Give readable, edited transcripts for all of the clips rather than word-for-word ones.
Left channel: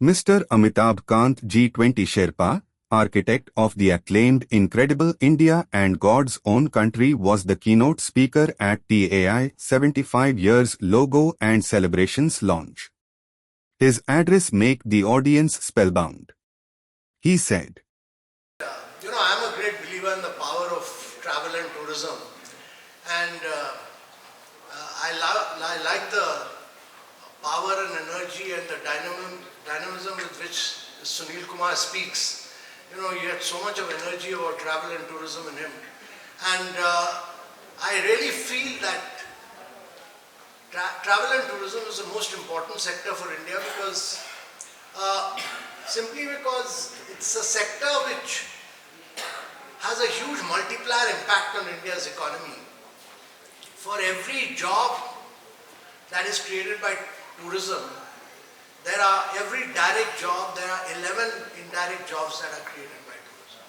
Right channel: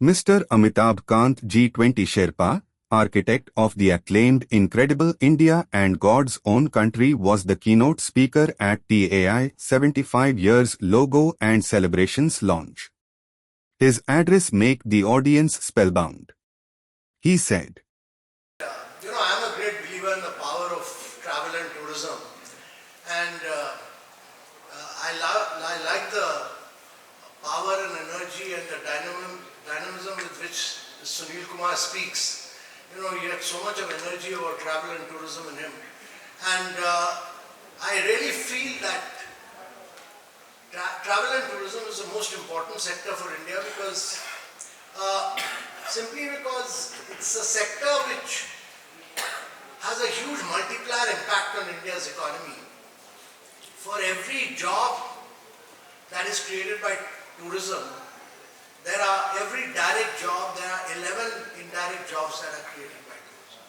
Mr. Amitabh Kant G20 Sherpa, architect of the acclaimed Incredible India and God's Own Country, was the keynote speaker at TAAI 75 Years Logo and Celebrations launch. His address made the audience spellbound. He said, I'm a great believer in the power of travel and tourism, and I like the power and energy and the dynamism with which Sunil Kumar speaks. He had so much of energy about travel and tourism in him, and I really feel that travel and tourism is the most important sector for India simply because it's a sector which has a huge multiplier impact on India's economy. For every job that is created by tourism, every direct job, there are 11 indirect jobs that are created by tourism.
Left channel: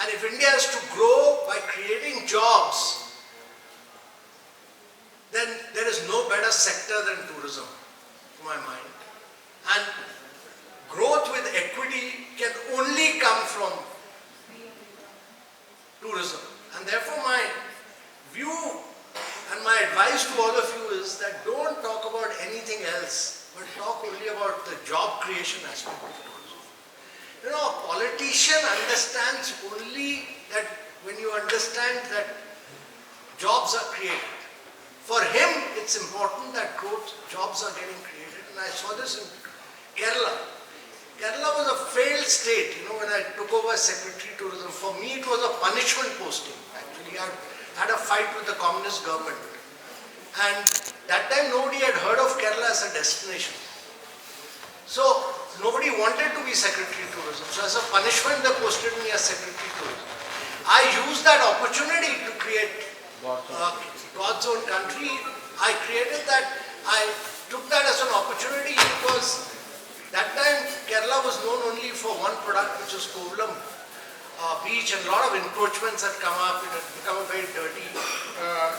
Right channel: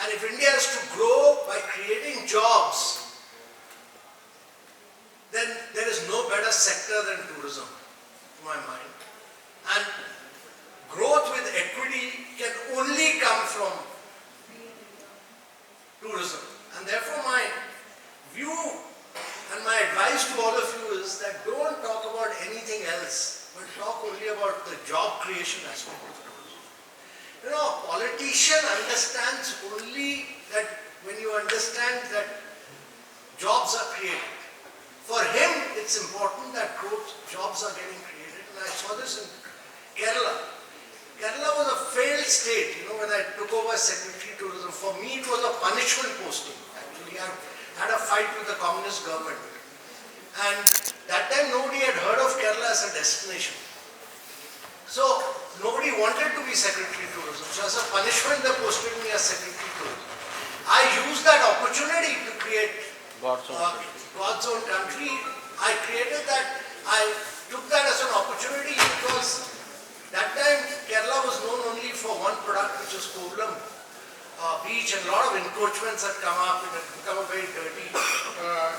And if India is to grow by creating jobs, then there is no better sector than tourism, to my mind. And growth with equity can only come from tourism. And therefore my view and my advice to all of you is that don't talk about anything else, but talk only about the job creation aspect of tourism. A politician understands only that when you understand that jobs are created. For him, it's important that jobs are getting created. And I saw this in Kerala. Kerala was a failed state, when I took over as Secretary Tourism. For me, it was a punishment posting. Actually, I had a fight with the communist government. And that time, nobody had heard of Kerala as a destination. So, nobody wanted to be Secretary Tourism. So, as a punishment, they posted me as Secretary Tourism. I used that opportunity to create God's Own Country. I created that. I took that as an opportunity because that time Kerala was known only for one product, which was Kovalam beach, and a lot of encroachments had come up. It had become a very dirty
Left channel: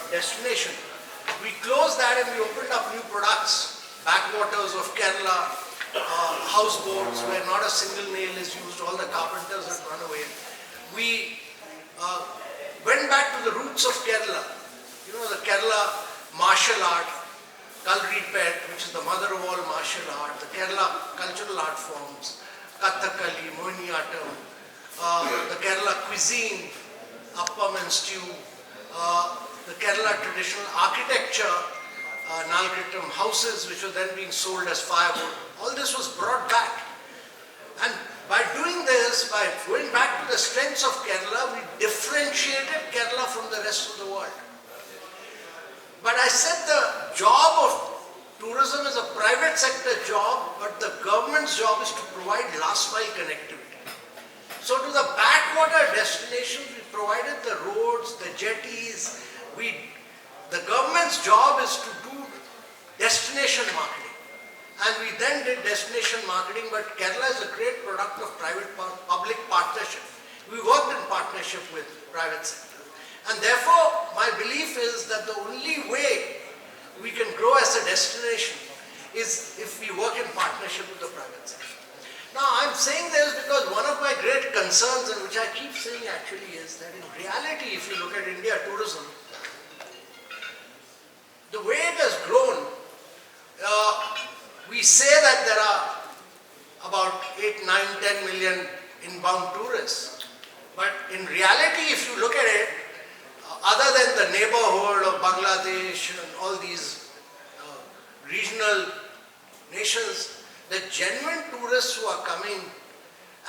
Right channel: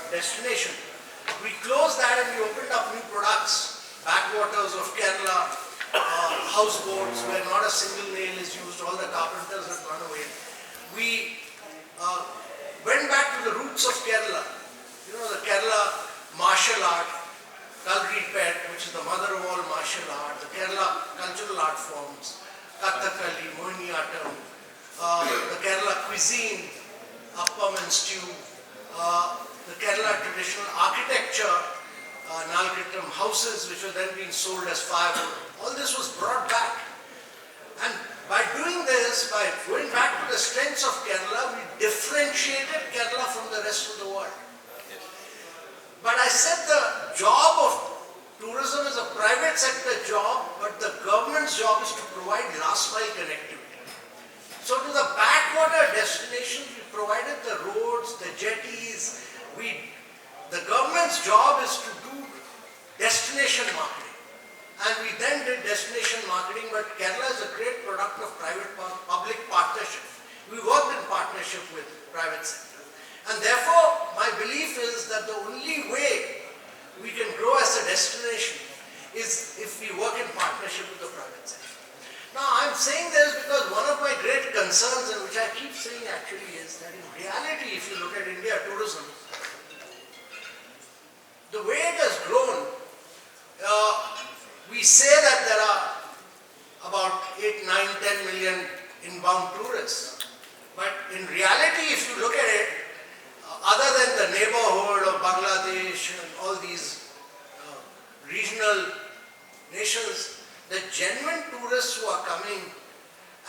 destination. We closed that and we opened up new products. Backwaters of Kerala, houseboats where not a single nail is used, all the carpenters had gone away. We went back to the roots of Kerala. The Kerala martial art, Kalri Pet, which is the mother of all martial art, the Kerala cultural art forms, Kathakali, Mohiniyattam, the Kerala cuisine, appam and stew, the Kerala traditional architecture, Nalkittam houses, which were then being sold as firewood. All this was brought back. And by doing this, by going back to the strengths of Kerala, we differentiated Kerala from the rest of the world. But I said the job of tourism is a private sector job, but the government's job is to provide last mile connectivity. So to the backwater destinations, we provided the roads, the jetties. The government's job is to do destination marketing. And we then did destination marketing, but Kerala is a great product of private-public partnership. We worked in partnership with private sector. And therefore, my belief is that the only way we can grow as a destination is if we work in partnership with the private sector. Now, I'm saying this because one of my great concerns, and which I keep saying actually, is that in reality, if you look at India tourism, the way it has grown, we say that there are about 8, 9, 10 million inbound tourists. But in reality, if you look at it, other than the neighborhood of Bangladesh and all these regional nations, the genuine tourists who are coming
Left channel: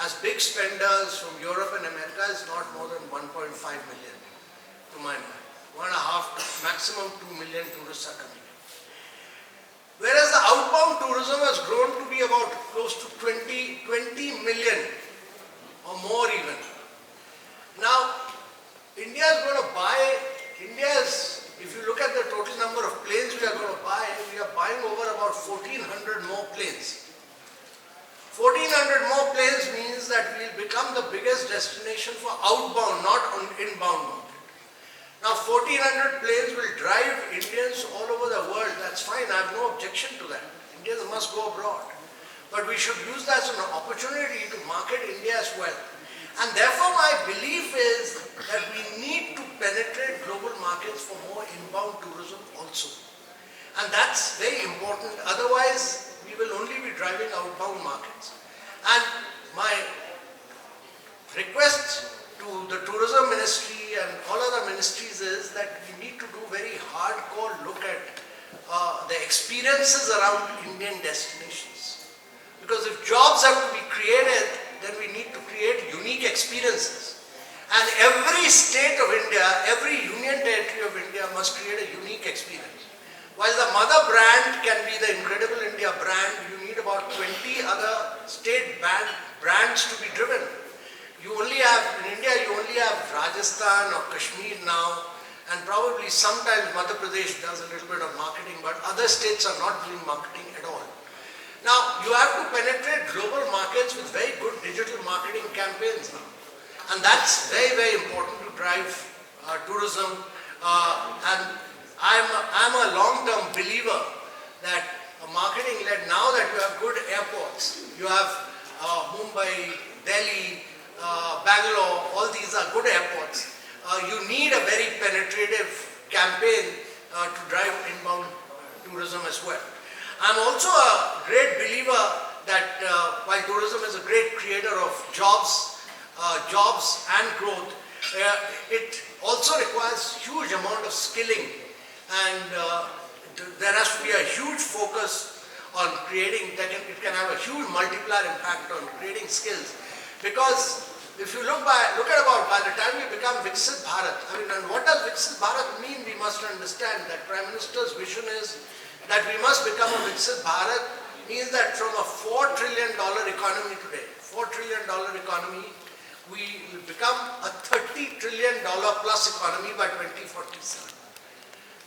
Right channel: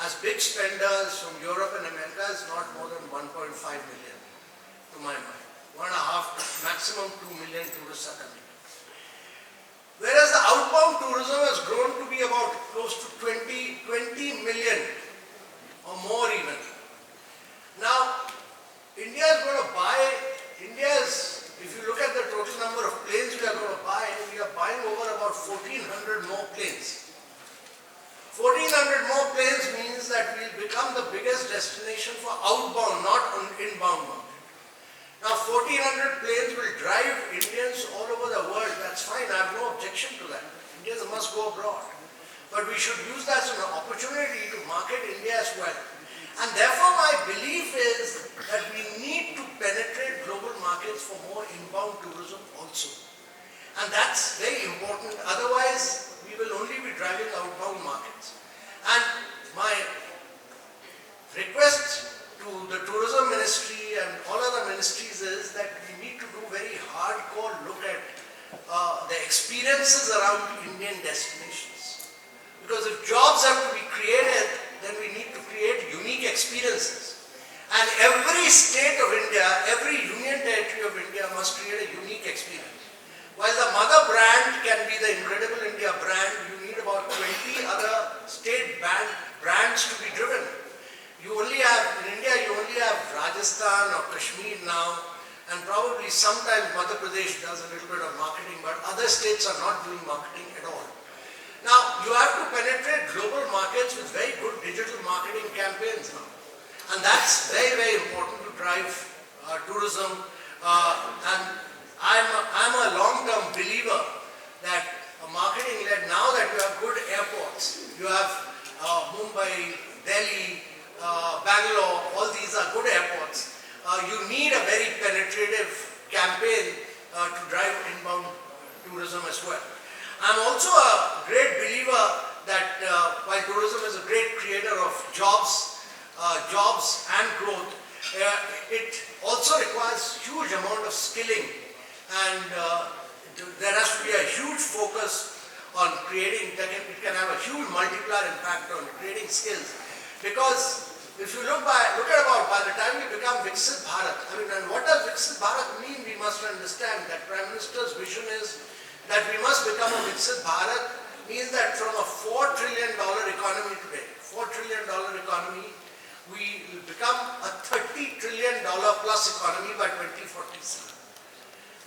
as big spenders from Europe and America is not more than 1.5 million, to my mind. 1.5, maximum 2 million tourists are coming. Whereas the outbound tourism has grown to be about close to 20 million or more even. Now, India is going to buy, if you look at the total number of planes we are going to buy, we are buying over about 1,400 more planes. 1,400 more planes means that we will become the biggest destination for outbound, not inbound market. Now 1,400 planes will drive Indians all over the world. That's fine, I have no objection to that. Indians must go abroad. but we should use that as an opportunity to market India as well. And therefore my belief is that we need to penetrate global markets for more inbound tourism also. And that's very important, otherwise we will only be driving outbound markets. And my request to the tourism ministry and all other ministries is that we need to do very hardcore look at the experiences around Indian destinations. Because if jobs have to be created, then we need to create unique experiences. And every state of India, every union territory of India must create a unique experience. While the mother brand can be the Incredible India brand, you need about 20 other state brands to be driven. You only have, in India, you only have Rajasthan or Kashmir now, and probably sometimes Madhya Pradesh does a little bit of marketing, but other states are not doing marketing at all. Now, you have to penetrate global markets with very good digital marketing campaigns now. And that's very, very important to drive tourism. And I'm a long-term believer that marketing-led, now that you have good airports, you have Mumbai, Delhi, Bangalore, all these are good airports. You need a very penetrative campaign to drive inbound tourism as well. I'm also a great believer that while tourism is a great creator of jobs and growth, it also requires huge amount of skilling, and there has to be a huge focus on creating, it can have a huge multiplier impact on creating skills. Because if you look at about by the time we become Viksit Bharat, and what does Viksit Bharat mean? We must understand that Prime Minister's vision is that we must become a Viksit Bharat, means that from a $4 trillion economy today, $4 trillion economy, we will become a $30 trillion plus economy by 2047.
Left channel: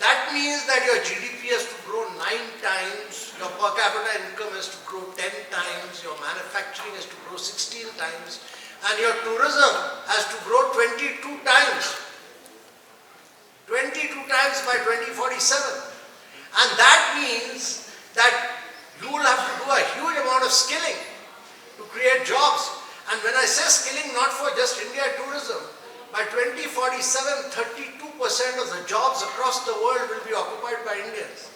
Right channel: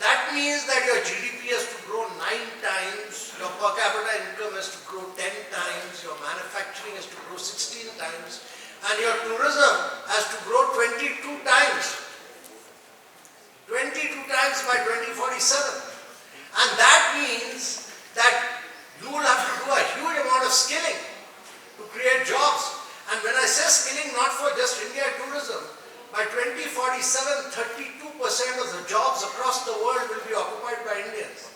That means that your GDP has to grow 9 times, your per capita income has to grow 10 times, your manufacturing has to grow 16 times, and your tourism has to grow 22 times. 22 times by 2047. And that means that you will have to do a huge amount of skilling to create jobs. And when I say skilling, not for just India tourism, by 2047, 32% of the jobs across the world will be occupied by Indians.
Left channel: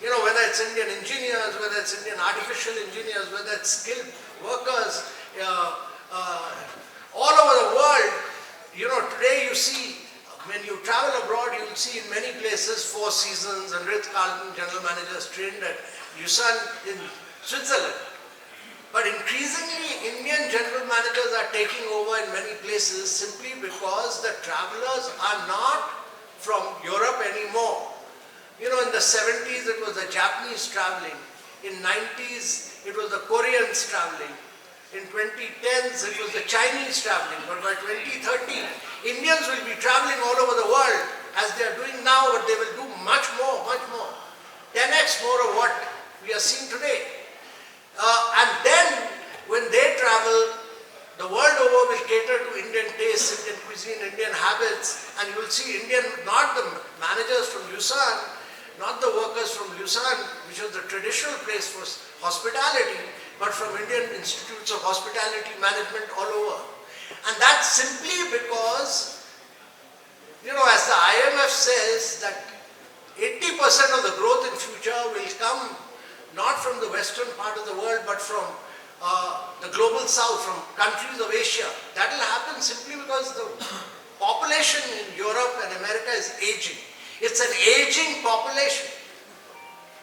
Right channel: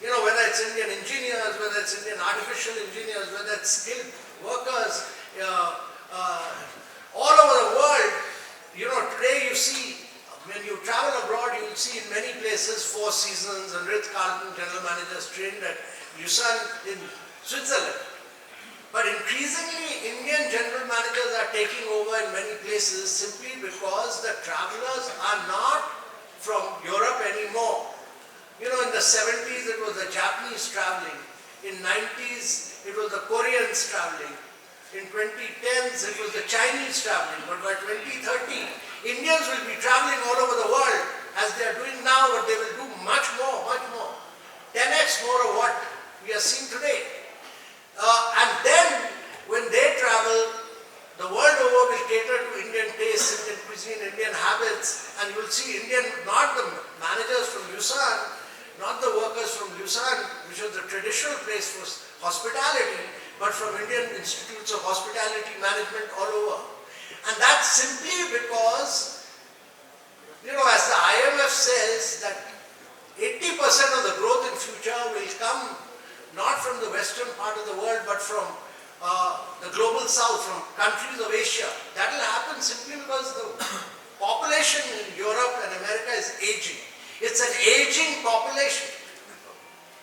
You know, whether it's Indian engineers, whether it's Indian artificial engineers, whether it's skilled workers, all over the world. You know, today you see, when you travel abroad, you will see in many places Four Seasons and Ritz-Carlton general managers trained at Busan in Switzerland. But increasingly, Indian general managers are taking over in many places simply because the travelers are not from Europe anymore. You know, in the 70s it was the Japanese traveling. In 90s it was the Koreans traveling. In 2010s it was the Chinese traveling. But by 2030, Indians will be traveling all over the world as they are doing now, but they will do much more, 10x more of what we are seeing today. And then, when they travel, the world over will cater to Indian tastes, Indian cuisine, Indian habits, and you will see Indian, not the managers from Busan, not the workers from Busan, which is the traditional place for hospitality, but from Indian institutes of hospitality management all over. And that's simply because, you know, as the IMF says, that 80% of the growth in future will come not from the western part of the world, but from the global south, from countries of Asia. That will happen simply because the population in Europe and America is aging. It's an aging population.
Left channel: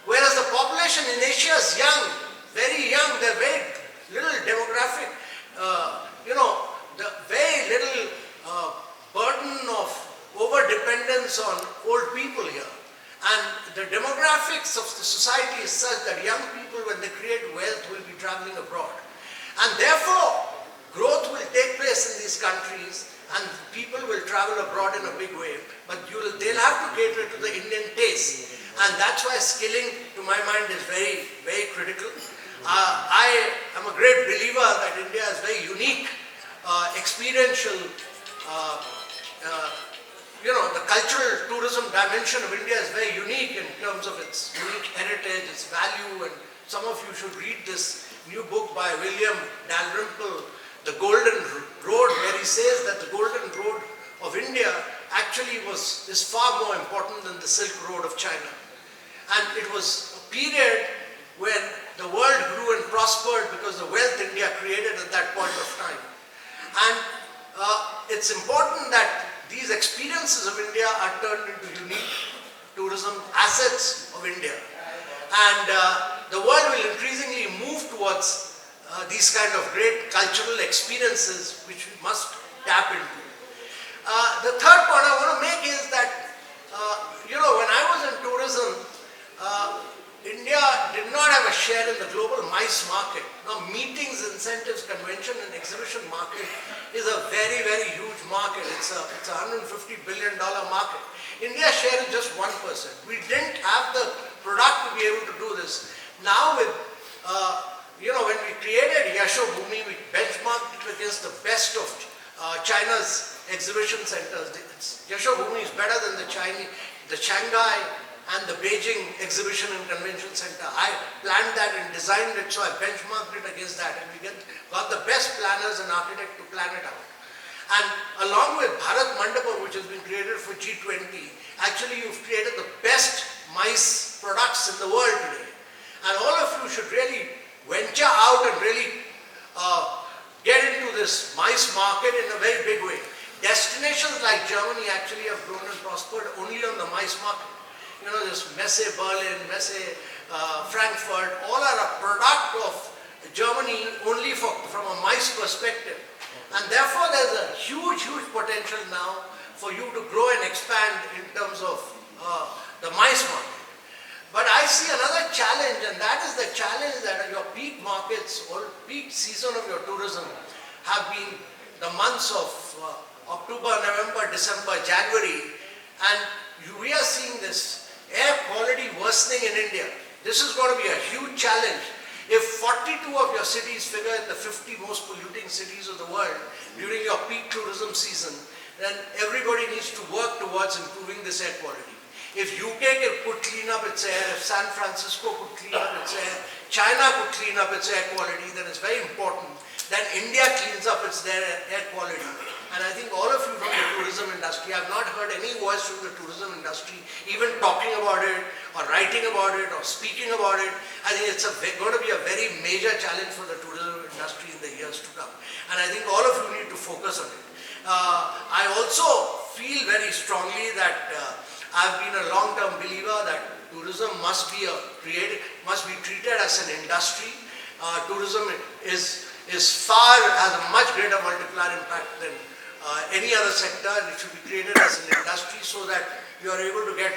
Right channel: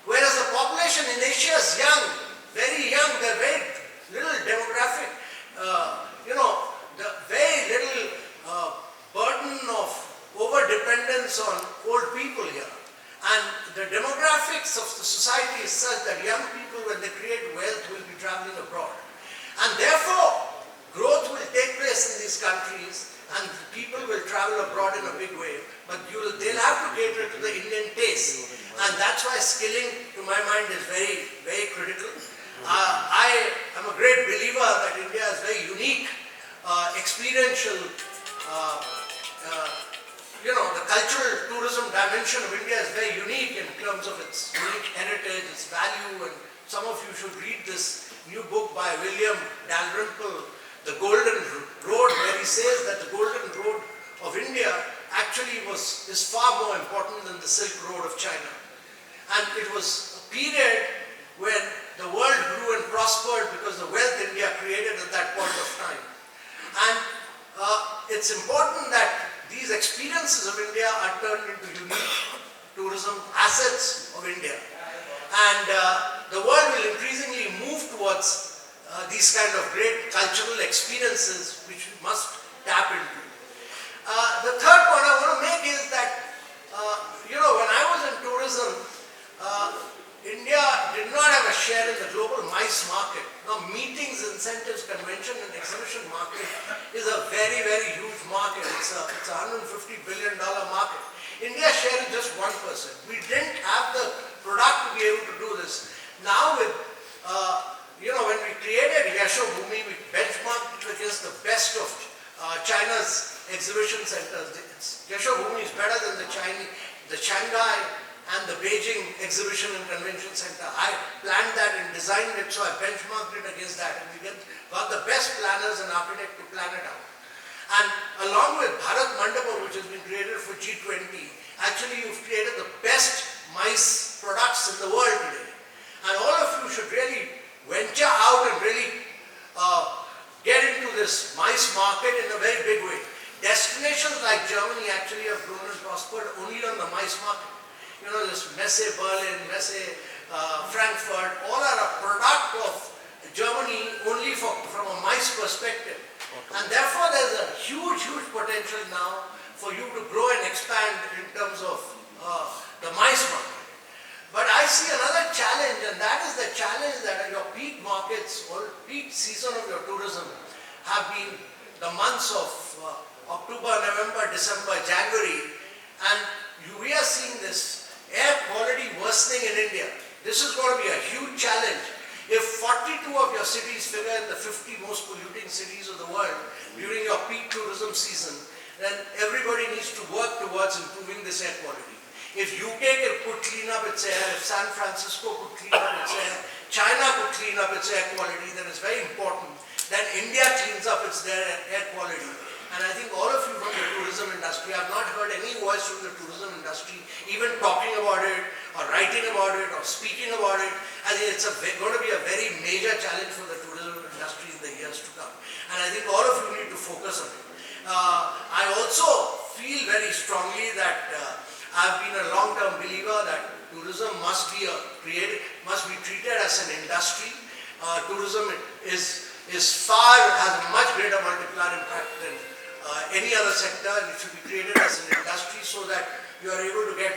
Whereas the population in Asia is young, very young, they're very little demographic, the very little burden of over-dependence on old people here. And the demographics of the society is such that young people, when they create wealth, will be traveling abroad. And therefore, growth will take place in these countries and people will travel abroad in a big way. But they'll have to cater to the Indian taste. And that's why skilling, to my mind, is very, very critical. I am a great believer that India is very unique, experiential, the cultural tourism dimension of India is very unique in terms of its unique heritage, its value, and some of you should read this new book by William Dalrymple, The Golden Road, where he says that the Golden Road of India actually is far more important than the Silk Road of China. And it was a period when the world grew and prospered because the wealth India created at that point of time. And it's important that these experiences of India are turned into unique tourism assets of India. And the world will increasingly move towards these kind of great cultural experiences which we must tap into. The third point I want to make is that, when I was in tourism, India did not have a share in the global MICE market. Now, meetings, incentives, convention and exhibition market is a very, very huge market. It's a $150 billion market. India's share is just 1%. We didn't have the product to be able to do this. Now with, when we created Yashobhoomi, we benchmarked it against the best of China's exhibition centers. Yashobhoomi is better than the Shanghai and the Beijing Exhibition and Convention Center. I planned that and designed it, so I benchmarked it against that, and we got the best planners and architects to plan it out. And along with Bharat Mandapam, which has been created for G20, actually you've created the best MICE products in the world today. And all of you should really venture out and really get into this MICE market in a very big way. Destinations like Germany actually have grown and prospered only on the MICE market. This Messe Berlin, Messe Frankfurt, all are a product of Germany only from a MICE perspective. And therefore there's a huge, huge potential now for you to grow and expand in terms of the MICE market. But I see another challenge, and that is the challenge that your peak markets or peak season of your tourism have been the months of October, November, December, January, and we are seeing this air quality worsening in India. This is going to be a huge challenge. If 42 of your cities figure in the 50 most polluting cities of the world during your peak tourism season, then everybody needs to work towards improving this air quality. If UK could clean up its air, if San Francisco could clean up its air, China could clean up its air quality, then it's very important that India cleans up its air quality. And I think all of you from the tourism industry, I have not heard any voice from the tourism industry even talking about it or writing about it or speaking about it. I think it's going to be a very major challenge for the tourism industry in the years to come. And I think all of you need to focus on it. I also feel very strongly that I've been a long-term believer that tourism must be treated as an industry. Tourism has a much greater multiplier impact than any other sector, and it should be created as an industry so that you are able to get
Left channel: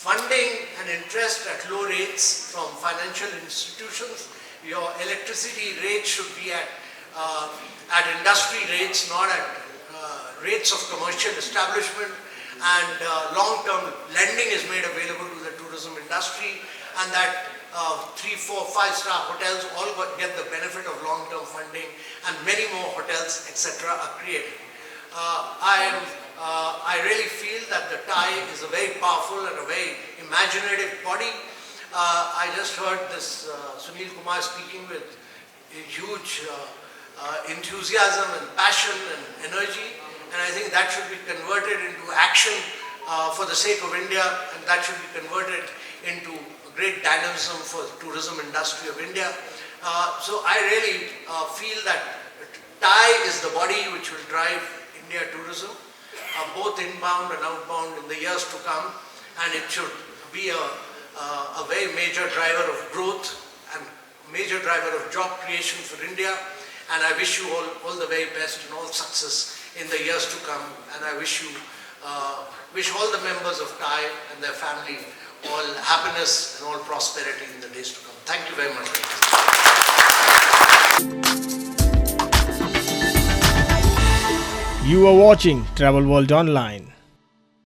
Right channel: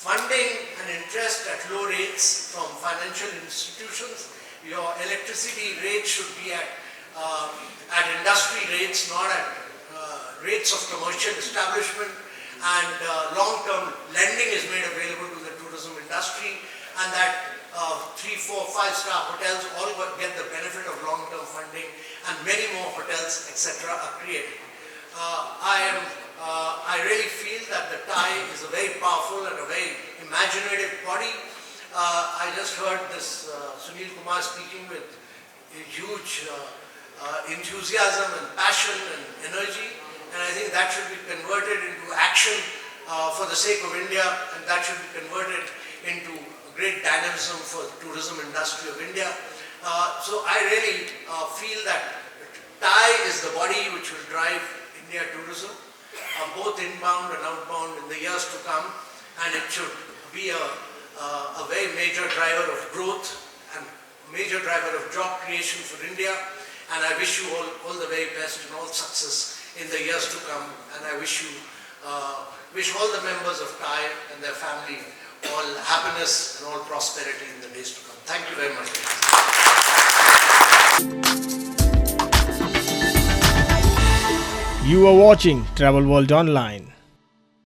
funding and interest at low rates from financial institutions. Your electricity rates should be at industry rates, not at rates of commercial establishment, and long-term lending is made available to the tourism industry, and that 3, 4, 5-star hotels all get the benefit of long-term funding, and many more hotels, etc. are created. I really feel that the TAAI is a very powerful and a very imaginative body. I just heard this Sunil Kumar speaking with huge enthusiasm and passion and energy, and I think that should be converted into action for the sake of India, and that should be converted into great dynamism for the tourism industry of India. So I really feel that TAAI is the body which will drive India tourism, both inbound and outbound in the years to come, and it should be a very major driver of growth and major driver of job creation for India. And I wish you all the very best and all success in the years to come. And I wish all the members of TAAI and their family all happiness and all prosperity in the days to come. Thank you very much. You are watching Travel World Online.